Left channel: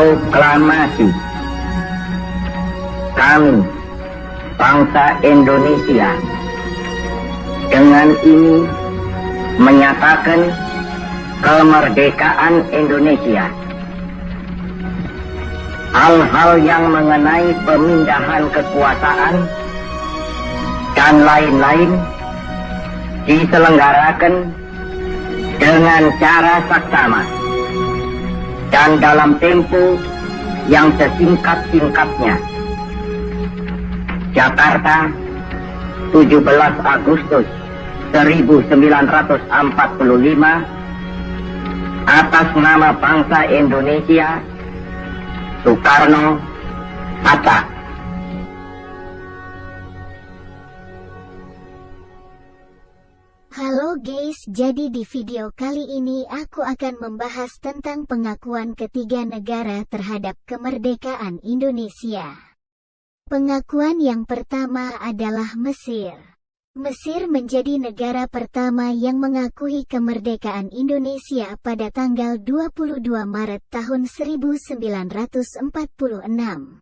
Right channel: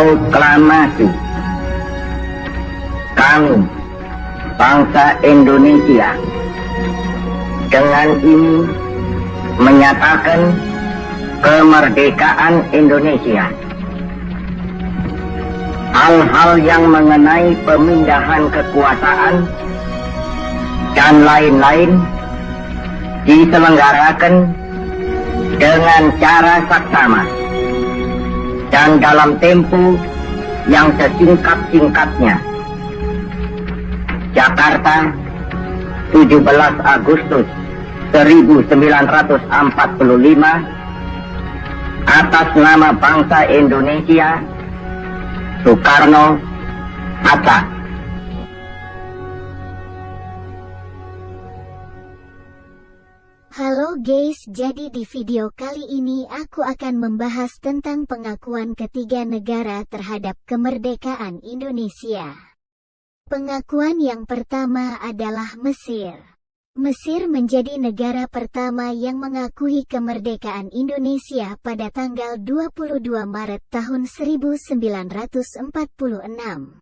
Proklamasi kami, bangsa Indonesia, dengan ini menyatakan kemerdekaan Indonesia. Hal-hal yang mengenai pemindahan kekuasaan dan lain-lain diselenggarakan dengan cara saksama dan dalam tempo yang sesingkat-singkatnya. Jakarta, 17 Agustus 1945, atas nama bangsa Indonesia, Soekarno-Hatta. Halo guys, jadi di video kali ini aku akan membahas tentang pengakuan ketiga negara terhadap kemerdekaan Indonesia. Pengakuan yang pertama adalah Mesir. Mesir menjadi negara pertama yang mengakui kemerdekaan Indonesia pada tanggal 22 Maret tahun 1946.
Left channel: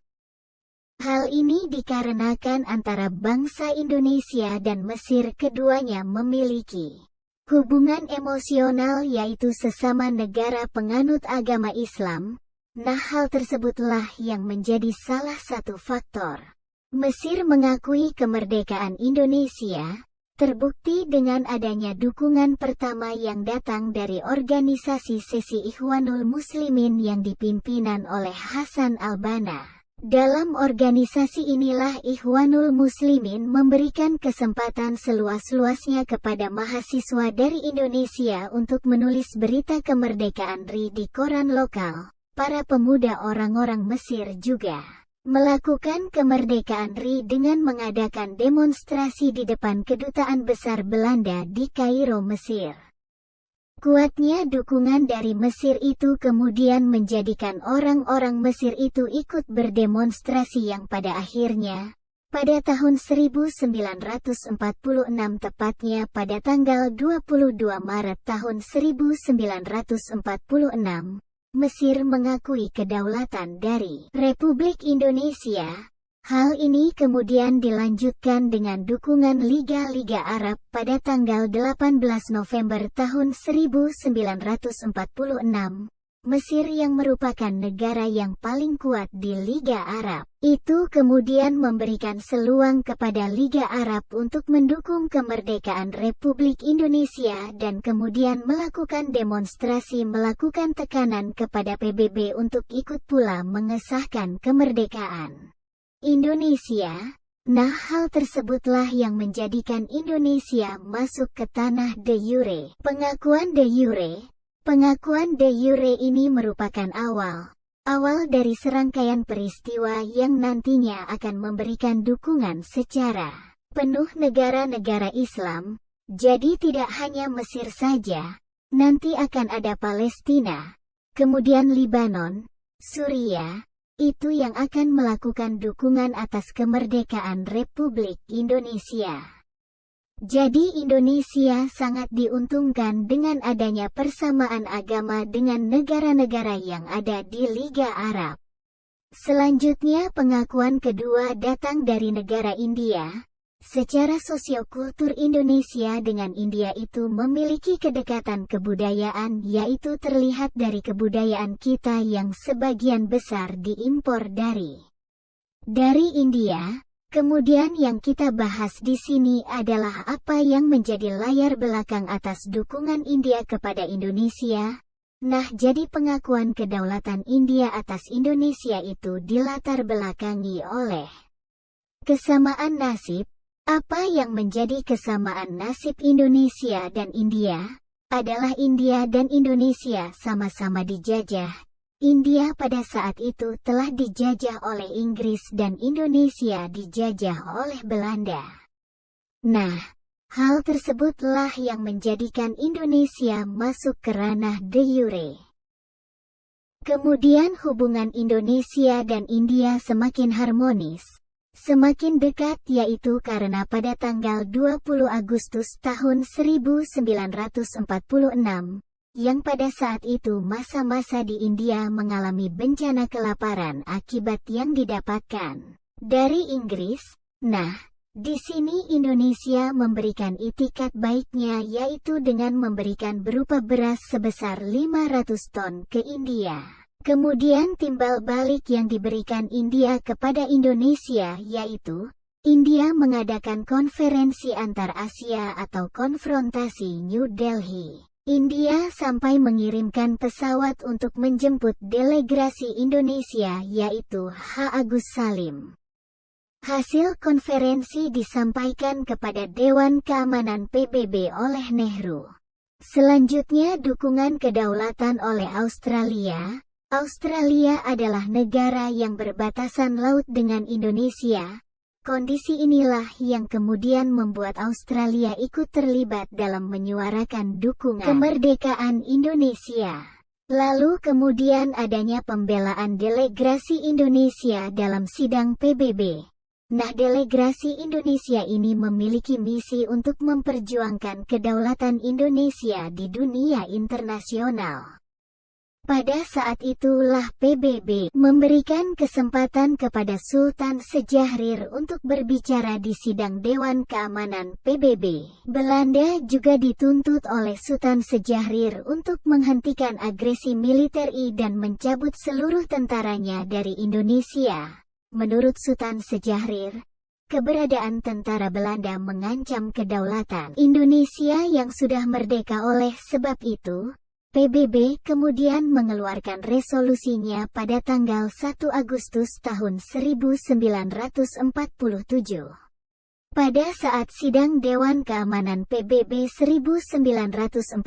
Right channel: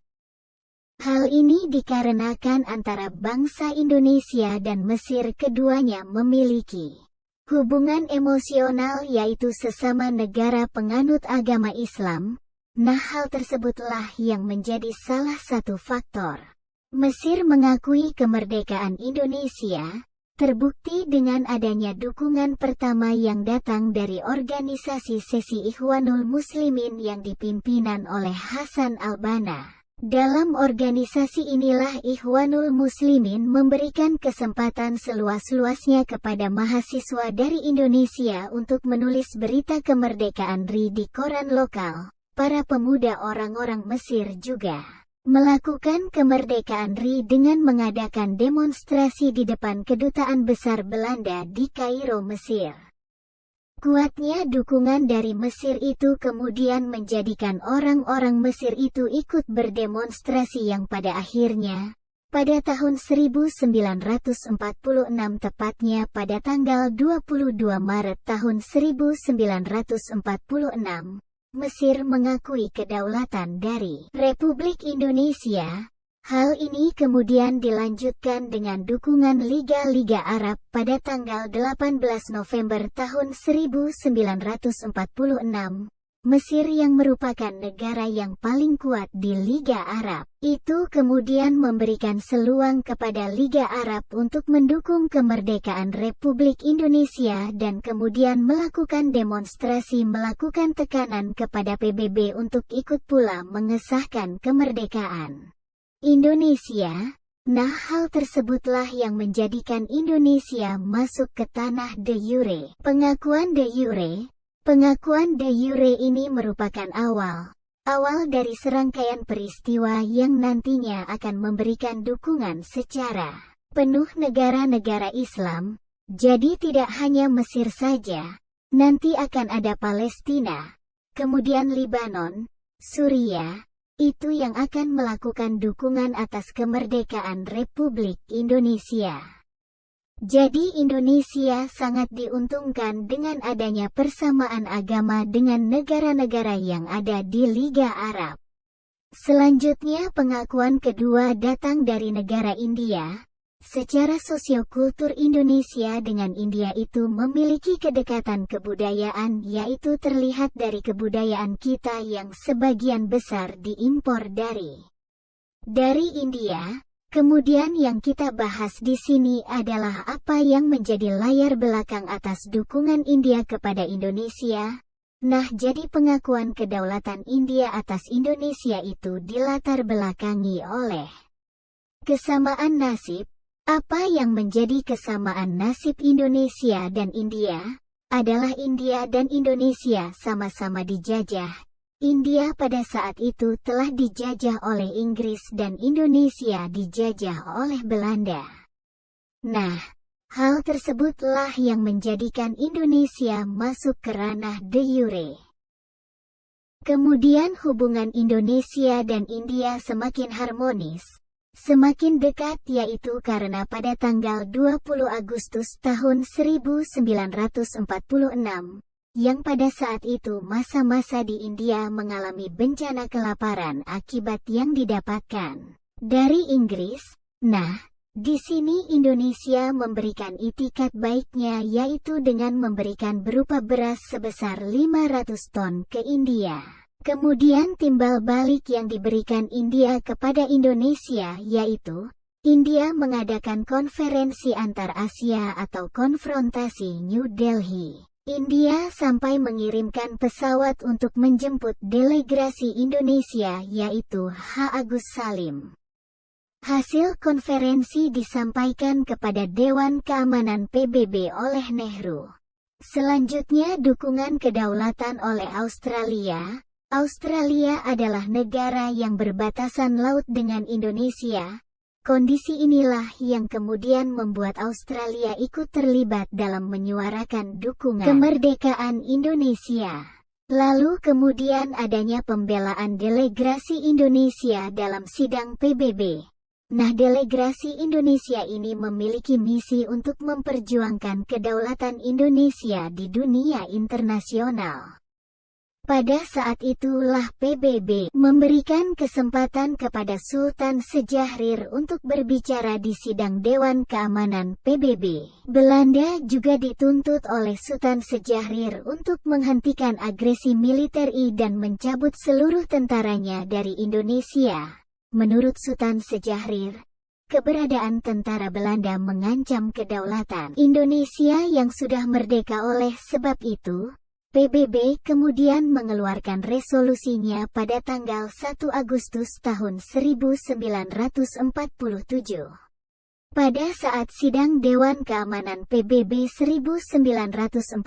Hal ini dikarenakan antara bangsa Indonesia dan Mesir keduanya memiliki hubungan emosional, yaitu sesama negara penganut agama Islam. Nah, hal tersebutlah yang menjadi salah satu faktor Mesir mengakui kemerdekaan Indonesia, terbukti dengan adanya dukungan pertama yang datang dari organisasi Sesi Ikhwanul Muslimin yang dipimpinan oleh Hasan al-Banna. Dalam organisasi inilah Ikhwanul Muslimin memberikan kesempatan seluas-luasnya kepada mahasiswa dari Indonesia untuk menulis berita kemerdekaan RI di koran lokal. Para pemuda orang-orang Mesir juga melakukan kemerdekaan RI dengan mengadakan demonstrasi di depan Kedutaan Besar Belanda di Kairo, Mesir. Kuatnya dukungan dari Mesir itu kemudian menjadikan orang-orang Mesir itu ikut berdemonstrasi yang pada akhirnya, pada tahun 1946 tepatnya pada tanggal 22 Maret tahun 1946, Mesir mengakui kedaulatan dari Republik Indonesia. Hal ini kemudian dilanjutkan dengan dukungan Liga-Liga Arab pada tanggal 18 November tahun 1946. Mesir yang merupakan negara yang paling kuat di Liga Arab, itu kemudian memberikan seluang kepada Liga Arab untuk mendukung kemerdekaan Republik Indonesia dan kemudian melakukan demonstrasi, melakukan tekanan kepada PBB untuk ikut pula mengesahkan kemerdekaan Indonesia. Nah, hal tersebutlah yang menjadikan Indonesia masuk ke tanah de jure. Pengakuan de jure ini merupakan awal dari serangkaian peristiwa yang nantinya akan memberikan dukungan secara penuh negara-negara Islam. Jadi tidak hanya Mesir saja, nanti akan ada Palestina, kemudian Libanon, Suriah, itu yang akan melakukan dukungan atas kemerdekaan Republik Indonesia. Jadi Indonesia sangat diuntungkan dengan adanya persamaan agama dengan negara-negara yang ada di Liga Arab. Selanjutnya pengakuan kedua datang dari negara India. Secara sosiokultur Indonesia dengan India itu memiliki kedekatan kebudayaan, yaitu terlihat dari kebudayaan kita yang sebagian besar diimpor dari India. Kemudian yang kita bahas di sini adalah apa yang menjadi layar belakang atas dukungan India kepada Indonesia. Nah, jadi pengakuan kedaulatan India atas Indonesia itu dilatar belakangi oleh kesamaan nasib. Apa yang menjadi kesamaan nasib Indonesia dan India adalah India dan Indonesia sama-sama dijajah. India pada saat itu telah dijajah oleh Inggris dan Indonesia dijajah oleh Belanda. Nah, hal tersebutlah yang menjadikan Indonesia masuk ke ranah de jure. Kemudian hubungan Indonesia dan India semakin harmonis, semakin dekat, yaitu karena pada tanggal 20 Agustus tahun 1946, yang pada saat itu masa-masa di India mengalami bencana kelaparan akibat yang didapatkan dari Inggris. Nah, di sini Indonesia memberikan itikat baiknya, yaitu dengan memberikan berupa beras sebesar 500 ton ke India. Kemudian timbal balik yang diberikan India kepada Indonesia, yaitu India mengadakan konferensi antar Asia atau konfrontasi New Delhi. India sampai mengirimkan pesawat untuk menjemput delegasi Indonesia, yaitu H. Agus Salim. Hasil konferensi disampaikan kepada Dewan Keamanan PBB oleh Nehru. Selanjutnya dukungan kedaulatan oleh Australia. Australia adalah negara yang berbatasan laut dengan Indonesia. Kondisi inilah yang kemudian membuat Australia ikut terlibat dalam menyuarakan dukungan kemerdekaan Indonesia. Lalu kemudian adanya pembelaan delegasi Indonesia dalam sidang PBB. Nah, delegasi Indonesia ini memiliki misi untuk memperjuangkan kedaulatan Indonesia di dunia internasional. Pada saat itulah PBB memberikan kesempatan kepada Sultan Sejahrir untuk berbicara di sidang Dewan Keamanan PBB. Belanda juga dituntut oleh Sultan Sejahrir untuk menghentikan agresi militer dan mencabut seluruh tentaranya dari Indonesia. Menurut Sultan Sejahrir, keberadaan tentara Belanda mengancam kedaulatan Indonesia yang sudah merdeka. Oleh sebab itu, PBB kemudian mengeluarkan resolusinya pada tanggal 1 Agustus tahun 1947. Pada saat sidang Dewan Keamanan PBB 1947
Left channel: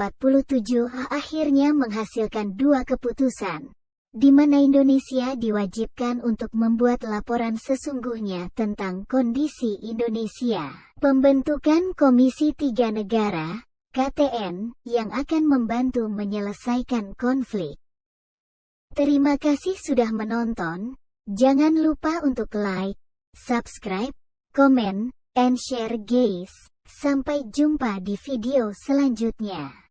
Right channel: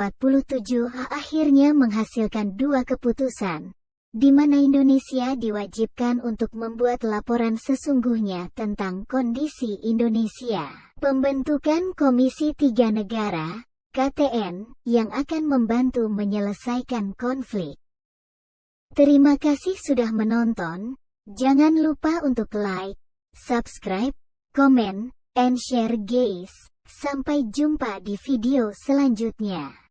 akhirnya menghasilkan dua keputusan, di mana Indonesia diwajibkan untuk membuat laporan sesungguhnya tentang kondisi Indonesia. Pembentukan Komisi Tiga Negara, KTN, yang akan membantu menyelesaikan konflik. Terima kasih sudah menonton. Jangan lupa untuk like, subscribe, komen, and share guys. Sampai jumpa di video selanjutnya.